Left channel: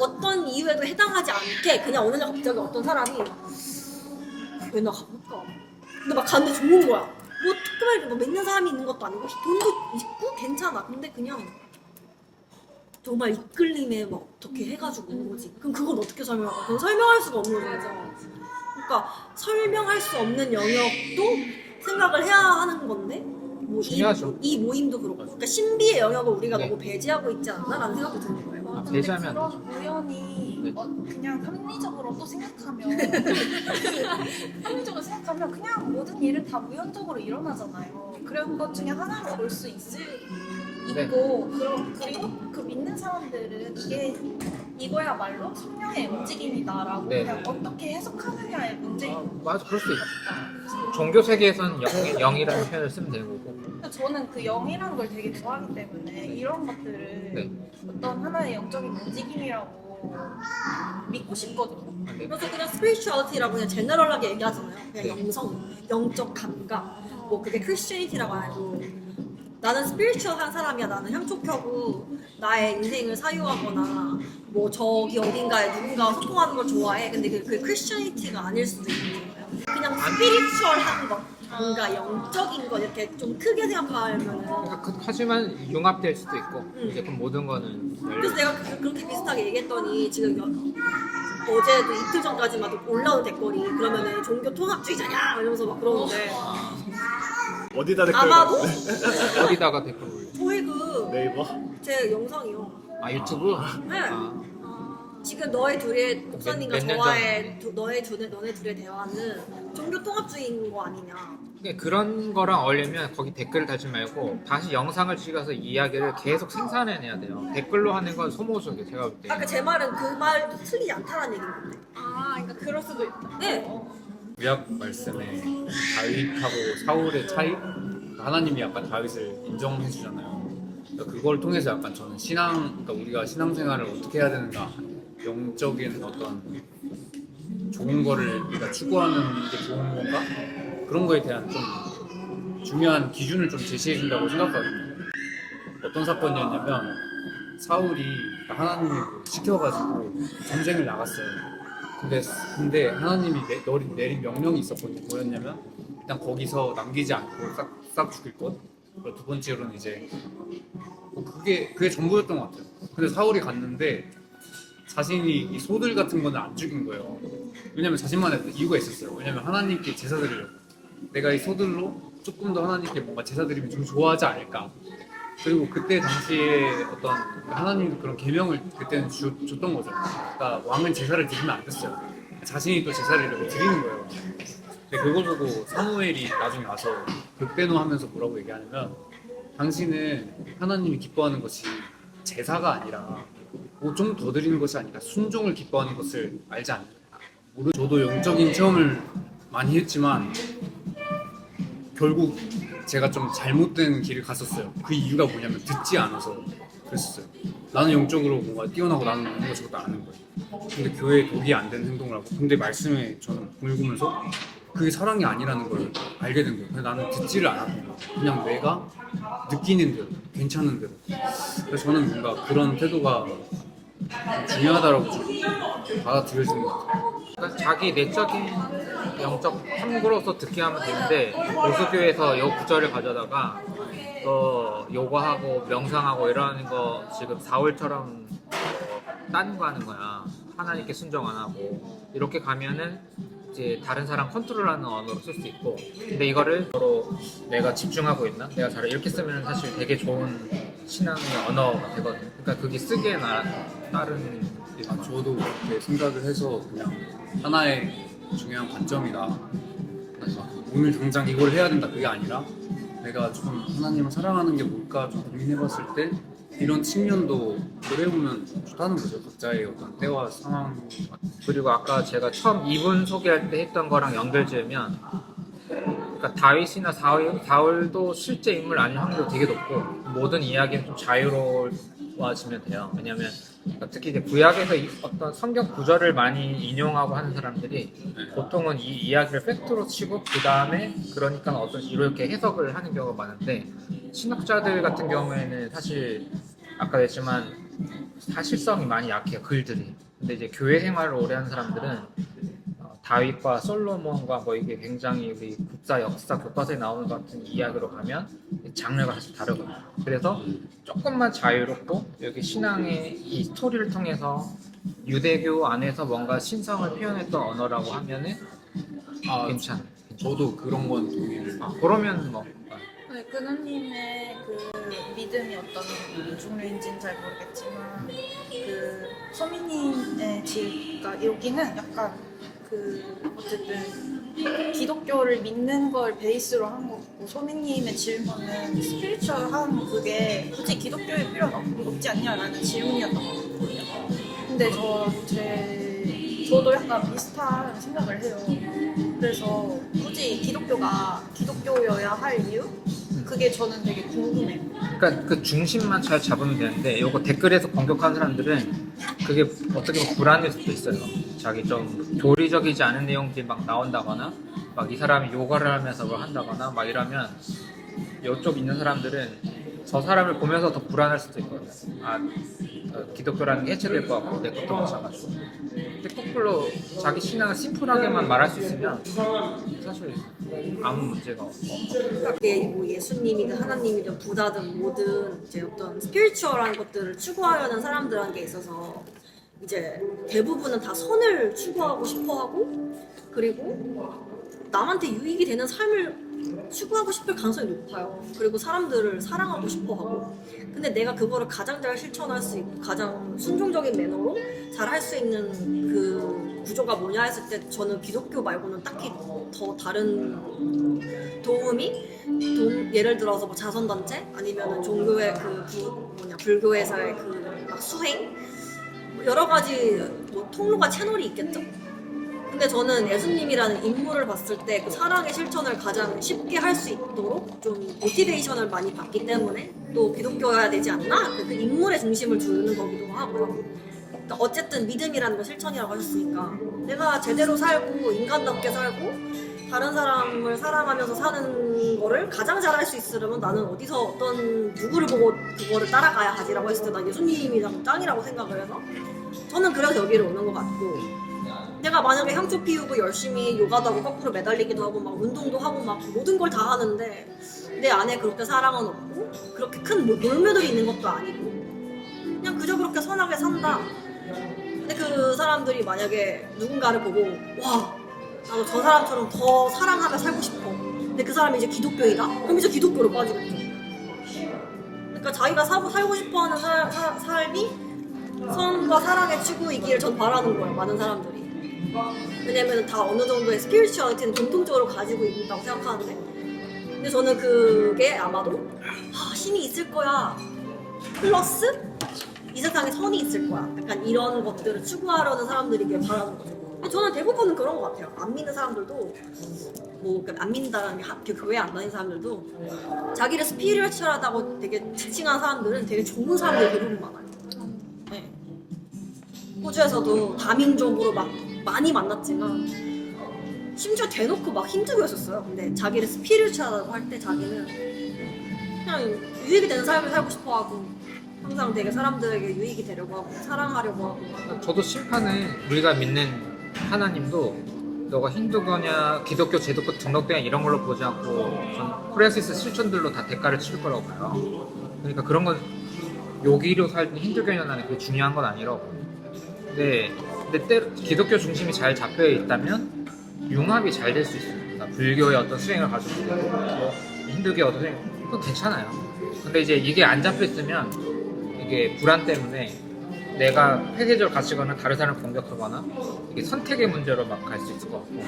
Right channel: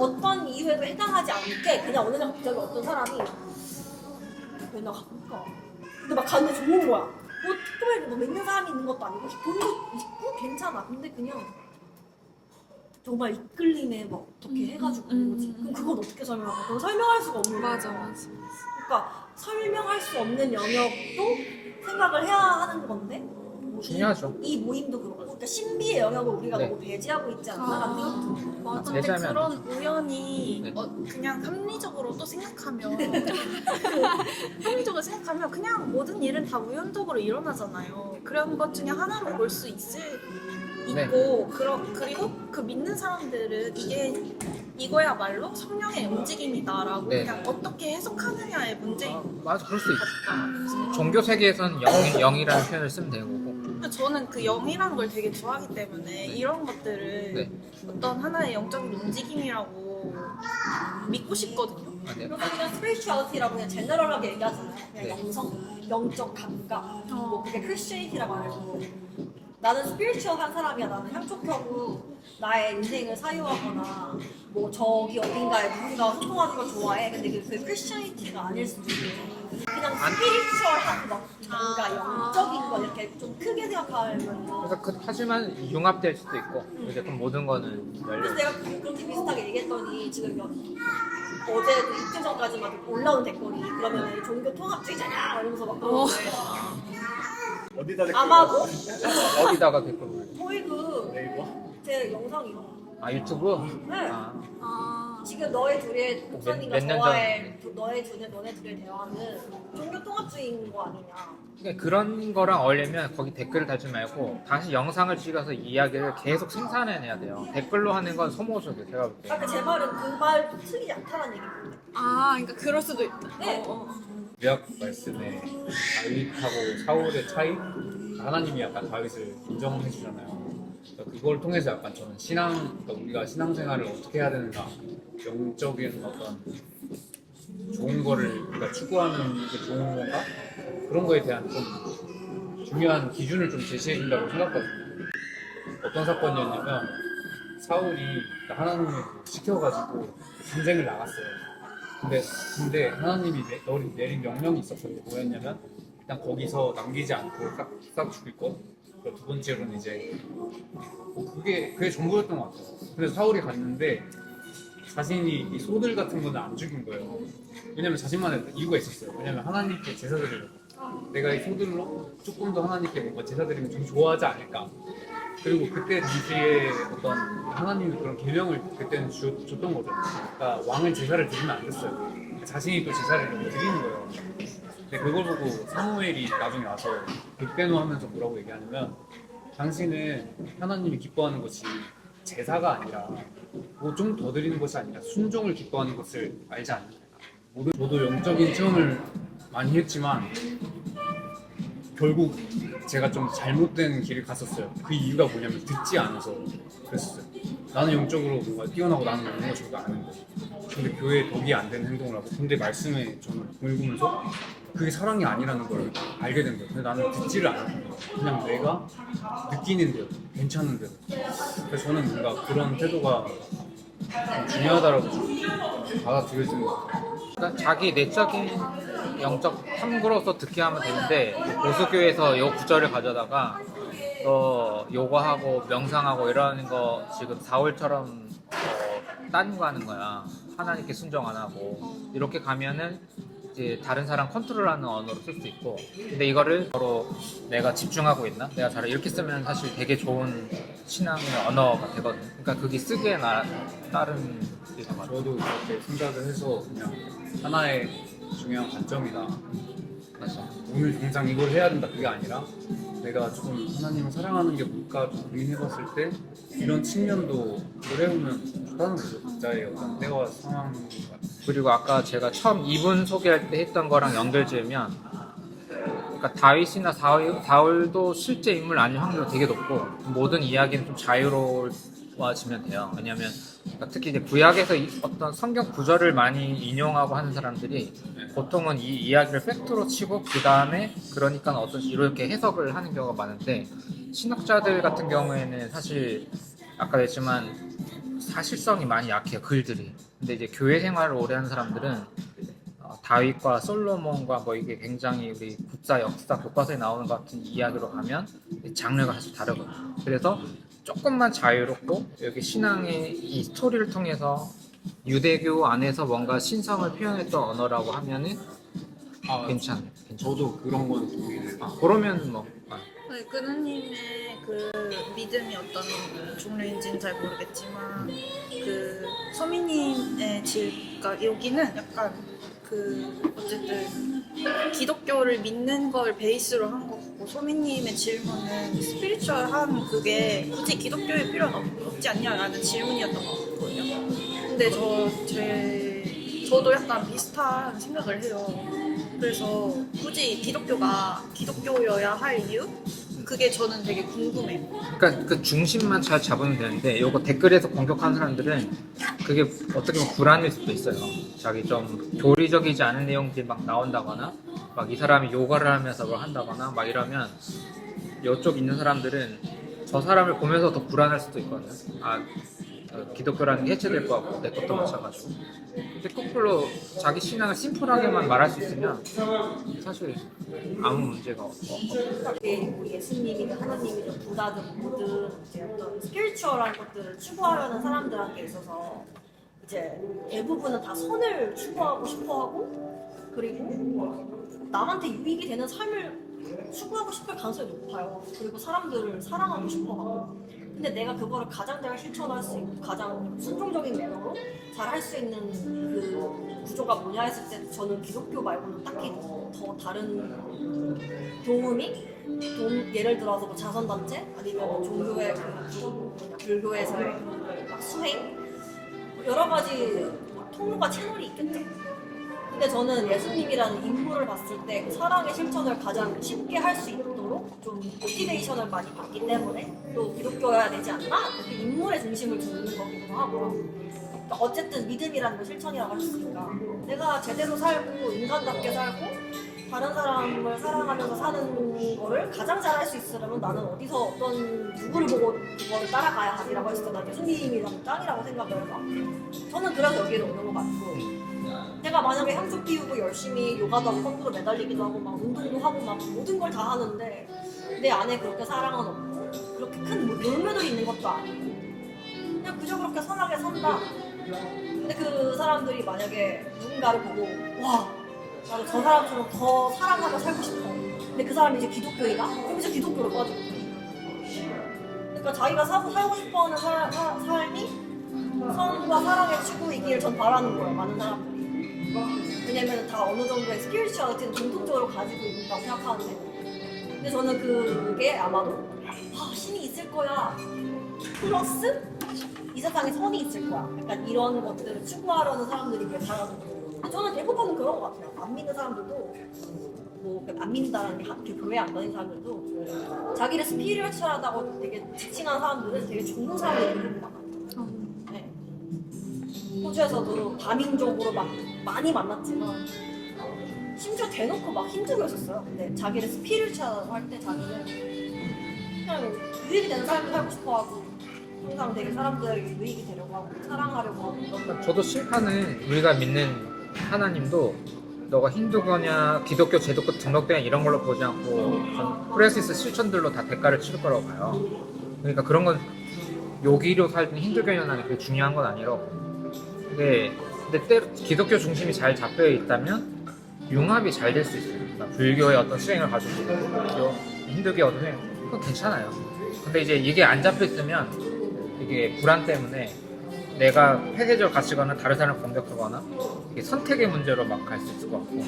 어떤 이유에도 해당하지 않게 그냥 어느 날 갑자기 어떤 사람이 왜 나 가볼까? 근데 막 갔는데 좋은 거야. 뭐 특별히 뭐 믿는 사람이 있는 것도 아니고 돈도 있고 괜찮아. 근데 그냥 정말 이끌림에 막 어떻게 해가지고 온 거지. 그럼 그건 어떻게 설명해? 그건 설명할 수가 없는 거야. 맞아. 그러니까 설명할 수 없는 영역도 생각을 해야 하는 건데 뭐 중요하죠. 이 모임도 그렇고 그러니까 신비의 영역을 우리가 네. 너무 배제하고 있지 않나라는 생각이 드는 거예요. 맞아. 배제하면 근데 안 그런 우연히 네. 그냥 합리적으로 또 생각하면 합리적으로 생각하면 그냥 모든 일은 다 우연적으로 일어나잖아요. 그런 것 중에 하나로 볼 수 네. 있고 그리고 그 믿는 사람들은 이거야말로 성령의 움직임이다라고 네. 그냥 어떻게 해석하느냐의 문제인 것 맞아, 그럴 수 있지. 같다. 종교 세계에서는 영이라는 표현을 쓰면 되는 거고. 근데 저는 그 영이라는 걸 되게 좋아하기 때문에 이런 것들을 네. 어떤 하나의 영적인 움직임이라고 믿고 싶거든요. 아, 네. 그래서 그냥 스피리추얼리티라고 그냥 제너럴하게 얘기하잖아요. 그냥 네. 영적 감각. 뭐 그게 크리스천리티라고 안 하고 나는 스피리추얼한 사람이야. 나는 향촉하고 나의 인생을 사유하거나 뭐 저기 어딘가에 누군가 소통하는 걸 좋아해. 근데 그게 크리스천리티가 아닐 수도 있고 그냥 스피리추얼한 것, 뭔가 영적인 거 이렇게 좀 크게 생각하면 그러니까 하지만 융합될 수도 있고 이제 그럼 모든 거는 열려. 그래서 내가 그렇게 비슷하게 얘기했더니 지금 어제도 이틀 전까지만 올라온 댓글이 그러면은 종교 통합주의자냐 이러면서 막 그러는데 어디다 댓글? 아마도 어디다가 댓글 올려? 저희 그 네이버? 제 영상이요. 아, 유튜브? 네. 아, 지금 너희 둘의 목사님과 몇년 저와의 너네 둘의 대화는 종교 통합주의인 거 아니냐. 그러니까 그런 거랑 어울리면 거기 댓글을 달지 말고 다시 영상을 찍어서 이 이야기를 계속 생산해내야 돼요. 댓글로 하는 건 소모적이에요, 제가 볼 때. 아까 제 말은 그 말도 틀리지 않다는 얘기인데. 아, 그러니까 그럴 수도 있다. 네. 구약 말씀에 다윗하고 사울의 차이, 하나님이 약간 다윗을 인정해 주잖아요. 그러니까 그걸 통해서 약간 저는 그러니까 우리가 신앙생활을 어떻게 해야 되는가, 영적인 어떤 좋은 거를 우리가 추구하는 게 좋은 건가, 그런 거에 대한 좀 중요한 기준을 좀 제시해 준다고 생각하거든요. 어떤 사건이었냐면 사울이 하나님이 시켜가지고 전쟁을 나갔어요. 근데 하나님이 내린 명령이 있었거든요. 뭐였냐면 일단 거기서 남기지 않고 싹 죽일 것. 그리고 두 번째로는 이제 그게 전부였던 것 같아요. 근데 사울이 갔는데 자신이 이 소들 같은 거는 안 죽인 거예요. 왜냐면 자신만의 이유가 있었어요. 왜냐면 하나님께 제사 드리려고. 내가 이 소들로 조금 더 하나님께 뭔가 제사 드리면 좀 좋아하지 않을까. 그리고 그때 당시에 어떤 하나님도 그런 계명을 그때는 줬던 거죠. 그러니까 왕은 제사를 드리면 안 됐어요. 자신이 또 제사를 이렇게 드리는 거예요. 근데 그걸 보고 사무엘이 나중에 와서 백배노하면서 뭐라고 얘기하냐면 당신은 하나님이 기뻐하는 것이 제사가 아니라 뭐 좀 더 드리는 것이 아니라 순종을 기뻐하는 것을 알지 않느냐. 저도 영적인 체험을 많이 했지만 결국 제가 좀 잘못된 길을 갔었어요. 그 이유가 뭐냐면 듣지 않아서 그랬었어요. 나는 영적으로 뭔가 뛰어나고 나는 이런 거 저것도 아는 거예요. 근데 교회에 덕이 안 되는 행동을 하고 근데 말씀에 저는 읽으면서 그게 사랑이 아니라는 걸 알게 된 거예요. 근데 나는 듣지를 않았던 거예요. 그냥 내가 느끼는 대로 괜찮은 대로. 그래서 저는 뭔가 그런 태도가 좀 중요하다고 좀 받아들여지는 것 같아요. 그러니까 자기 내적인 영적 탐구로서 듣게 하면 되는데 보수교에서 요 구절을 가져다가 요거하고 명상하고 이러는 거 지금 사울처럼 따는 거 하는 거야. 하나님께 순종 안 하고 이렇게 가면은 이제 다른 사람 컨트롤하는 언어로 쓸 수 있고 근데 이거를 서로 내가 집중하고 있나? 내가 잘 이렇게 쓰면 사실 되게 좋은 신앙의 언어가 되거든요. 그러니까 그게 쓰기에 따른 저도 그렇게 생각을 해서 그냥 하나의 중요한 관점이다. 그래서 오늘 당장 이걸 해야 된다 그게 아니라 내가 조금 하나님을 사랑하는 게 뭘까 좀 고민해봤을 때 이런 측면도 그래보면 좋다는 거죠. 각자의 어떤 때와 상황. 그리고 아까 제가 처음 이분 소개할 때 했던 거랑 연결지으면 그러니까 다윗이나 사울도 실제 인물 아닐 확률이 되게 높고 모든 이야기는 좀 자유로워지면 돼요. 왜냐면 그러니까 특히 이제 구약에서 어떤 성경 구절을 많이 인용하고 하는 사람들이 보통은 이 이야기를 팩트로 치고 그 다음에 그러니까 어떤 이렇게 해석을 하는 경우가 많은데 신학자들 같은 경우에는 사실 아까 했지만 사실성이 많이 약해요, 글들이. 근데 이제 교회 생활을 오래 한 사람들은 다윗과 솔로몬과 뭐 이게 굉장히 우리 국사 역사 교과서에 나오는 것 같은 이야기로 가면 장르가 사실 다르거든요. 그래서 조금만 자유롭고 여기 신앙의 이 스토리를 통해서 유대교 안에서 뭔가 신성을 표현했던 언어라고 하면은 괜찮아요. 저도 그런 건 동의를. 그러면 뭐 네, 그누님의 그 믿음이 어떤 종류인지는 잘 모르겠지만 그 소미님의 집, 그러니까 여기는 약간 그 어쨌든 기독교를 믿는 걸 베이스로 한 거고, 소미님의 질문은 스피리추얼한 그게 굳이 기독교에 필요는 없지 않냐라는 질문이었던 것 같거든요. 근데 저도 약간 비슷한 생각을 해요. 그래서 굳이 기독교가 기독교여야 할 이유? 그게 저는 되게 궁금해요. 그러니까 그 중심만 잘 잡으면 되는데 요거 댓글에서 공격하는 사람들은 그게 어떻게 보면 불안일 수도 있어요. 자기 좀 교리적이지 않은 내용들이 막 나온다거나 막 이 사람이 요가를 하면서 뭘 한다거나 막 이러면 이쪽 있는 사람들은 저 사람을 보면서 더 불안할 수도 있거든요. 기독교라는 게 해체될 것 같고 내 것도 마찬가지고. 근데 거꾸로 자기 신앙을 심플하게만 말할 수 있으면 사실 아무 문제가 없어요. 뭐 예수님이든 하나님이든 부다든 뭐든 이제 어떤 스피리추얼한 것들을 추구하려는 사람들한테 있어서 이제 대부분은 다 선을 추구하고 싶어하고, 그리고 남한테 유익이 되는 삶을 추구하고 싶을 가능성이 높아요. 그리고 사람들을 사랑하고 싶어하고. 근데 내가 그거를 가장 잘 실천할 수 있고 가장 순종적인 매너로 잘 할 수 있는 그 구조가 뭐냐 했을 때 저는 기독교 말고는 딱히 더 다른 예를 들어서 뭐 자선단체 아니면은 종교의 불교에서의 그 막 수행 여러 가지 뭐 통로가 채널이 있겠죠. 근데 저는 예수님이라는 인물을 봤을 때 그 사랑의 실천을 가장 쉽게 할 수 있도록 좀 모티베이션을 많이 받기 때문에 또 기독교여야 되지 않나? 그 인물의 중심을 두는 거기도 하고. 그러니까 어쨌든 믿음이라는 건 실천이라고 하셨으니까 내가 제대로 살고 인간답게 살고 다른 사람을 사랑하면서 사는 거를 가장 잘 할 수 있으려면 나는 어디서 어떤 누구를 보고 그거를 따라가야 하지라고 했을 때 난 예수님이 짱이라고 생각을 해서 저는 그래서 여기를 오는 것 같고, 내가 만약에 향초 피우고 열심히 요가도 하고 거꾸로 매달리기도 하고 막 운동도 하고 막 모든 걸 다 하는데 내 안에 그렇게 사랑은 없고 그렇게 큰 놀매도 있는 것도 아니고 그냥 그저 그렇게 선하게 산다. 근데 그 사람들이 만약에 누군가를 보고 와 나도 저 사람처럼 더 사랑하며 살고 싶어. 근데 그 사람이 이제 기독교이다? 그럼 이제 기독교로 빠지겠죠. 그러니까 자기가 살고 싶어하는 삶이 선과 사랑의 추구이기를 전 바라는 거예요. 많은 사람들이. 왜냐면 다 어느 정도의 스피리추얼리티는 공통적으로 가지고 있다고 생각하는데, 근데 저는 그게 아마도 신이 있을 거야 플러스 이 세상에 선이 있을 거야, 약간 이런 것들을 추구하려는 사람들이길 바라는 거죠. 저는 대부분은 그런 것 같아요. 안 믿는 사람들도 안 믿는다는 게 교회 안 다니는 사람들도 자기를 스피리추얼하다고 되게 지칭하는 사람들은 되게 좋은 사람들이 대부분 많아요. 네. 호주에서도 다민족으로 막 많이 만났지만 심지어 대놓고 막 힌두교였었어요. 근데 자기를 스피리추얼하다고 할 때 자기는 그냥 유익이 되는 삶을 살고 싶어하고 항상 되게 사람들에게 유익이 되려고 하고 사랑하려고 하고. 그러니까 저도 심판은 우리가 믿는 하나님도 너가 힌두교냐 기독교 제도교 등록대냐 이런 걸로 보지 않고 전 프랜시스 실천들로 다 대가를 치를 거라고 봐요. 그러니까 그런 건 요기로 살든 힌두교냐는 그게 중요한 건 아니라고. 근데 기독교 중심이 잘 잡혀 있다면 융합이 잘 될 수 있어요. 그러니까 불교의 어떤 수행을 가지고 있고 힌두교의 어떤 수행, 그건 괜찮아요. 근데 이제 이게 안 잡혀 있으면 이게 불안 때문에 내가 폐쇄적으로 갇히거나 다른 사람을 공격하거나 이게 선택의 문제로 막 갈 수 있을 것 같고.